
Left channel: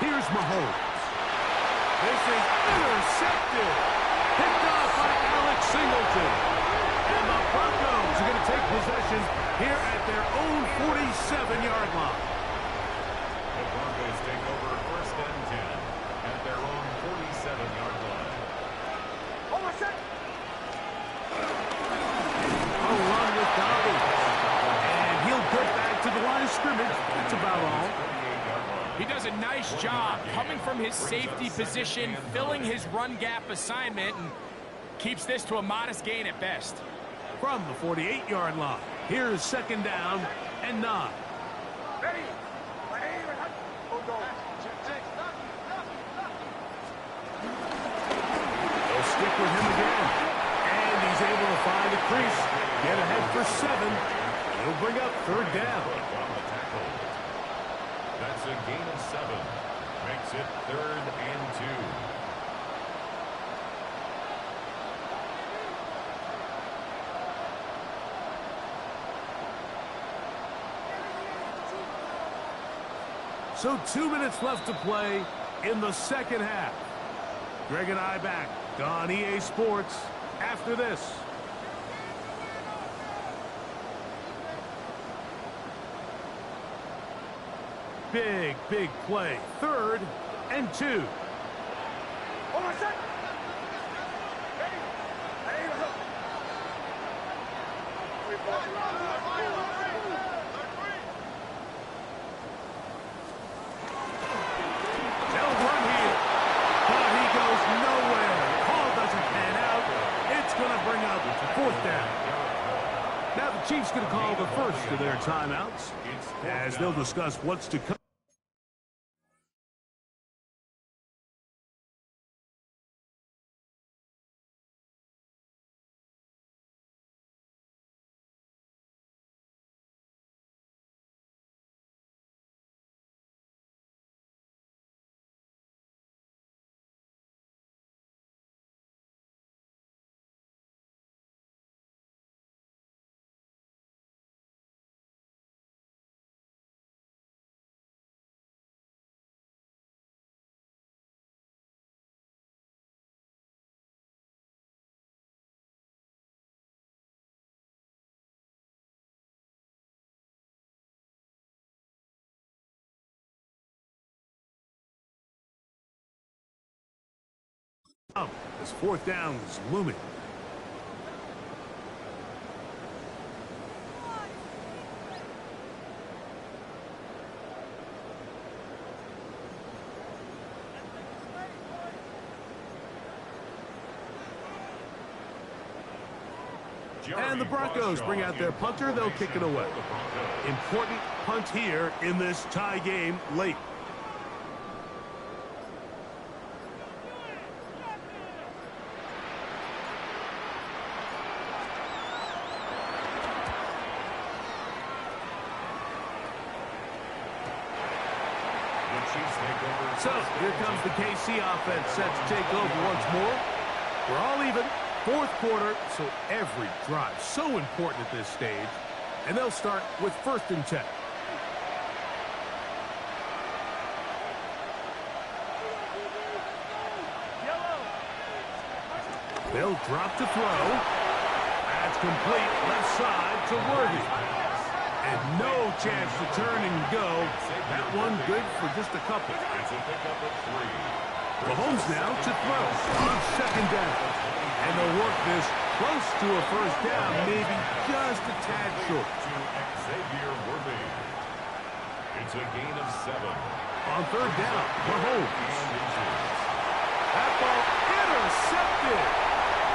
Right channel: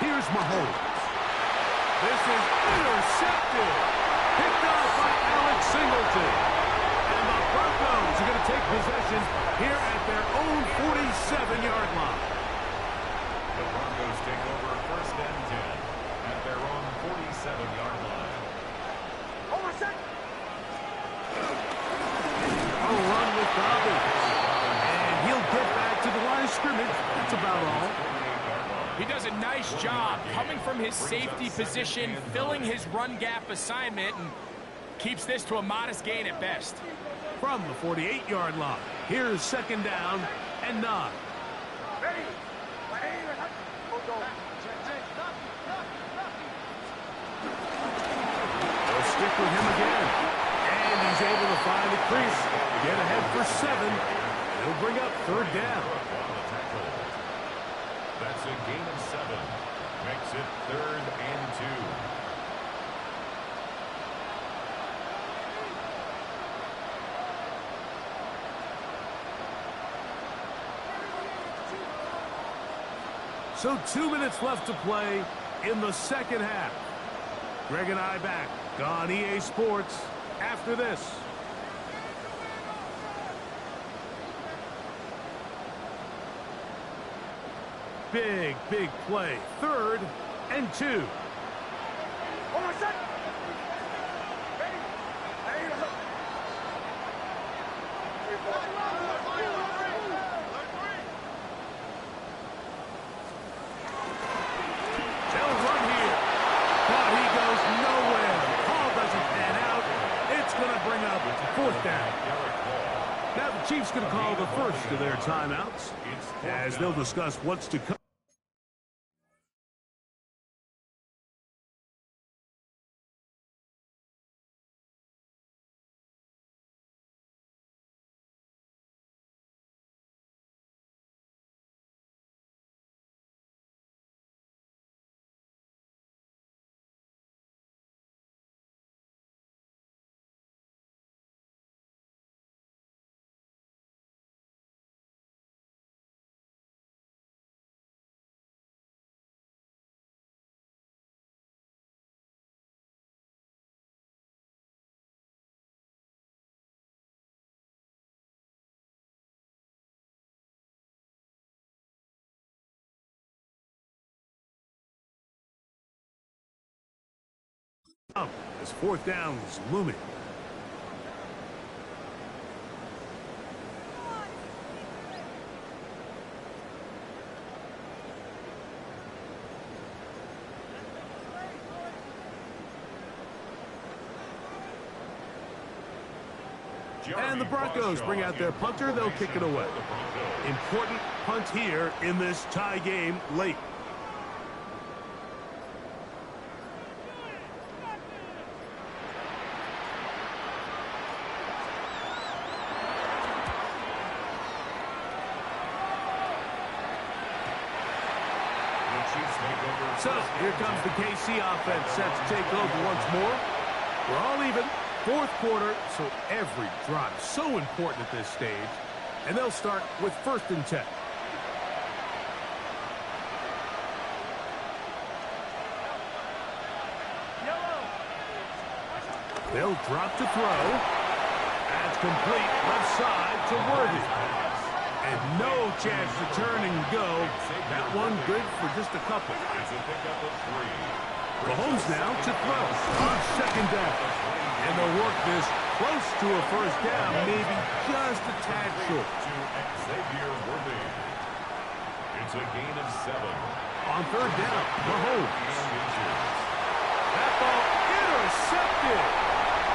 Here's Mahomes. This is intercepted. Picked off by Alex Singleton. And the Broncos are going to take possession here at their own 47-yard line. The Broncos take over 1st and 10 at their own 47-yard line. A run with Dobby. And he'll get back to the line of scrimmage. That's about all. He does a nice job coming from his safety position, filling his run gap assignment, and keeps this to a modest gain at best. From the 48-yard line, here's 2nd down and 9. They'll stick with him again. And he's able to find a crease, get ahead for 7, and he'll bring up 3rd down. That's a gain of 7. Makes it 3rd and 2. So 2 minutes left to play in the second half. Greg and I back on EA Sports after this. Big, big play. 3rd and 2. They'll run here. But he goes nowhere. Call doesn't pan out. It's going to bring up 4th down. Now the Chiefs going to call the first of their timeouts as they'll discuss what's to come. This fourth down is looming. And the Broncos bring out their punter. They'll kick it away. Important punt here in this tie game late. So here comes the KC offense set to take over once more. We're all even. Fourth quarter, so every drive so important at this stage. And they'll start with 1st and 10. They'll drop to throw. That's complete left side to Worthy. And no chance to turn and go. That one good for just a couple. It's a pickup of 3. Mahomes now to throw on 2nd down. And they'll work this close to a 1st down, maybe just a tad short. To Xavier Worthy. It's a gain of 7. On 3rd down, Mahomes. That ball intercepted.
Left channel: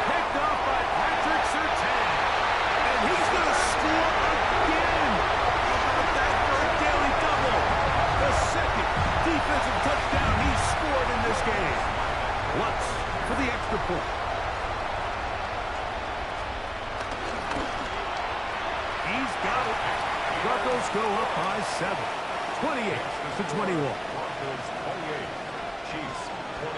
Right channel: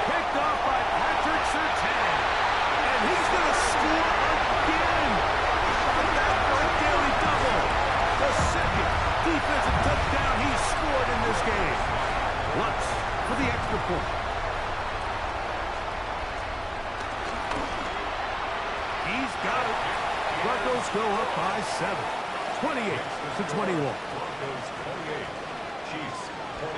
Picked off by Patrick Surtain. And he's going to score again. How about that for a daily double? The 2nd defensive touchdown he's scored in this game. Lutz for the extra point. He's got it. Broncos go up by 7. 28-21. Broncos 28. Chiefs 21.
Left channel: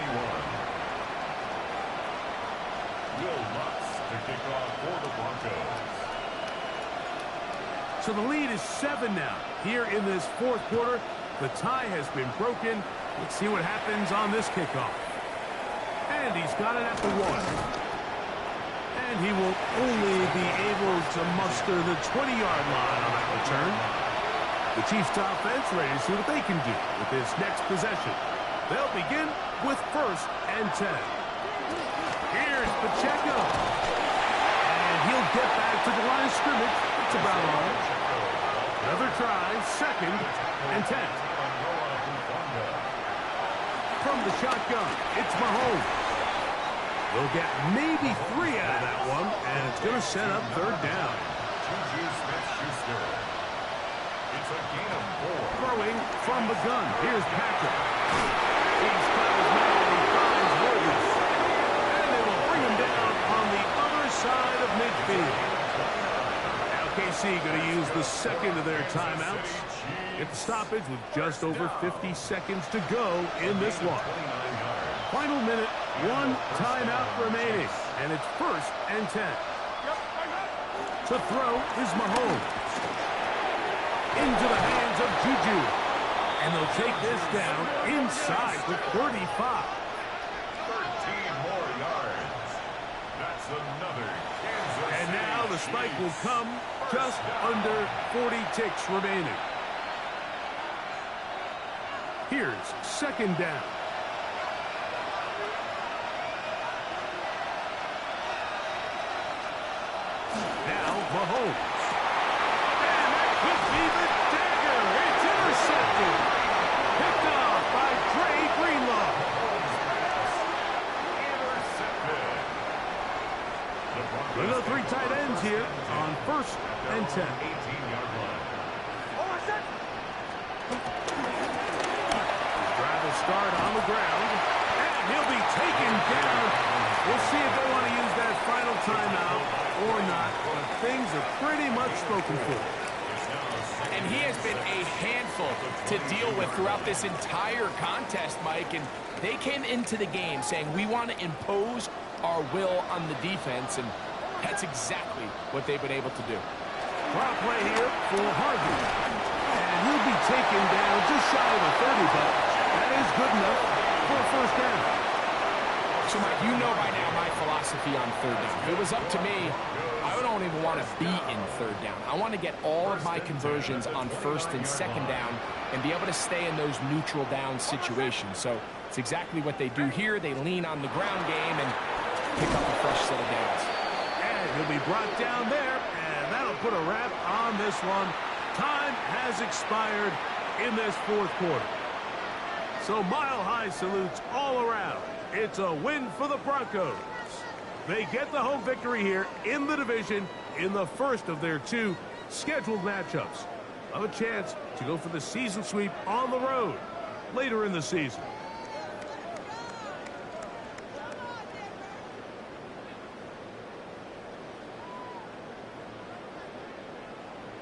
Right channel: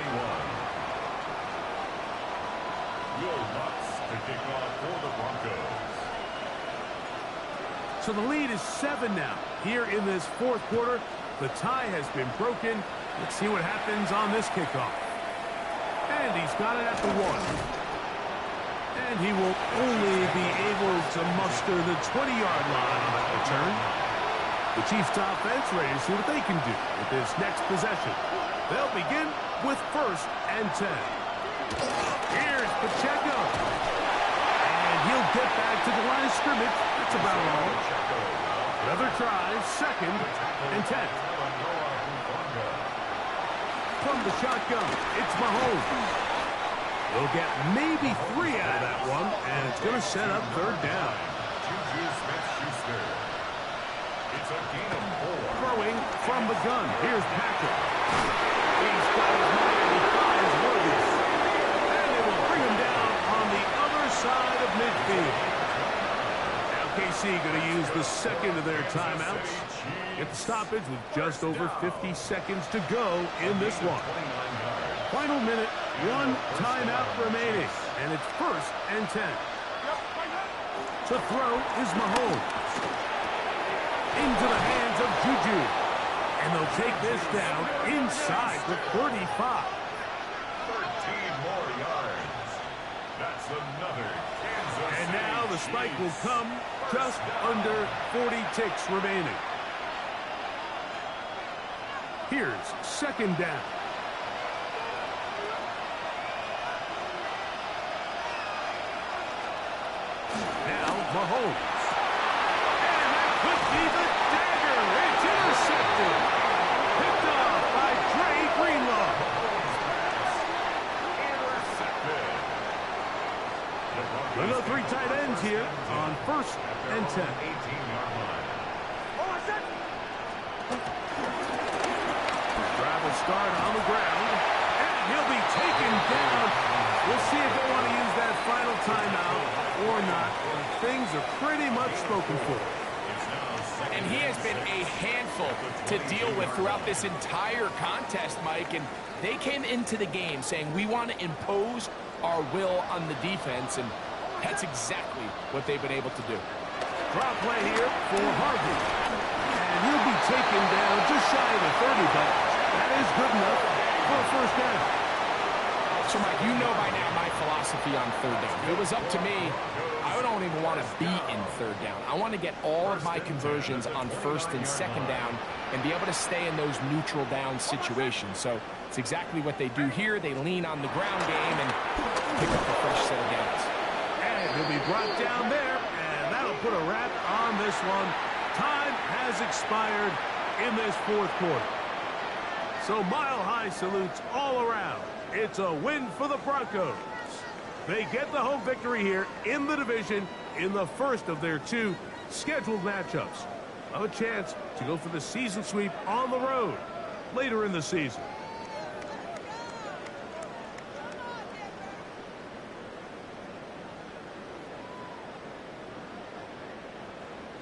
Will Lutz to kick off for the Broncos. So the lead is 7 now. Here in this 4th quarter, the tie has been broken. Let's see what happens on this kickoff. And he's got it at the 1. And he will only be able to muster the 20-yard line on that return. The Chiefs offense ready to see what they can do with this next possession. They'll begin with 1st and 10. Here's Pacheco. And he'll get back to the line of scrimmage. That's about all. Another try, 2nd and 10. From the shotgun, it's Mahomes. They'll get maybe 3 out of that one, and it's going to set up 3rd down. Juju Smith-Schuster. It's a gain of 4. Throwing from the gun. Here's Patrick. He's got his man. He finds Worthy. And they will bring him down on the other side of midfield. Now KC going to use the 2nd of their timeouts. Get the stoppage with just over 50 seconds to go in this one. Final minute, 1 timeout remaining, and it's 1st and 10. To throw is Mahomes. Into the hands of Juju. And they'll take this down inside the 35. 13 more yards. That's another Kansas And now the City spike will Chiefs. come just under 40 ticks remaining. Here's 2nd down. Now Mahomes. And that could be the dagger. It's intercepted. Picked off by Dre Greenlaw. Intercepted. Another 3 tight ends here on 1st and 10. 18-yard line. His drive will start on the ground. And he'll be taken down. We'll see if they want to use that final timeout or not. But things are pretty much spoken for. And he has been a handful to deal with throughout this entire contest, Mike. And they came into the game saying, we want to impose our will on the defense. And that's exactly what they've been able to do. Drop play here for Harvey. And he'll be taken down just shy of the 30, but that is good enough for a 1st down. So, Mike, you know by now my philosophy on third down. If it was up to me, I don't even want to be in third down. I want to get all of my conversions on first and second down and be able to stay in those neutral down situations. So it's exactly what they do here. They lean on the ground game and pick up a fresh set of downs. And he'll be brought down there, and that'll put a wrap on this one. Time has expired in this fourth quarter. So mile-high salutes all around. It's a win for the Broncos. They get the home victory here in the division in the first of their 2 scheduled matchups. Have a chance to go for the season sweep on the road later in the season.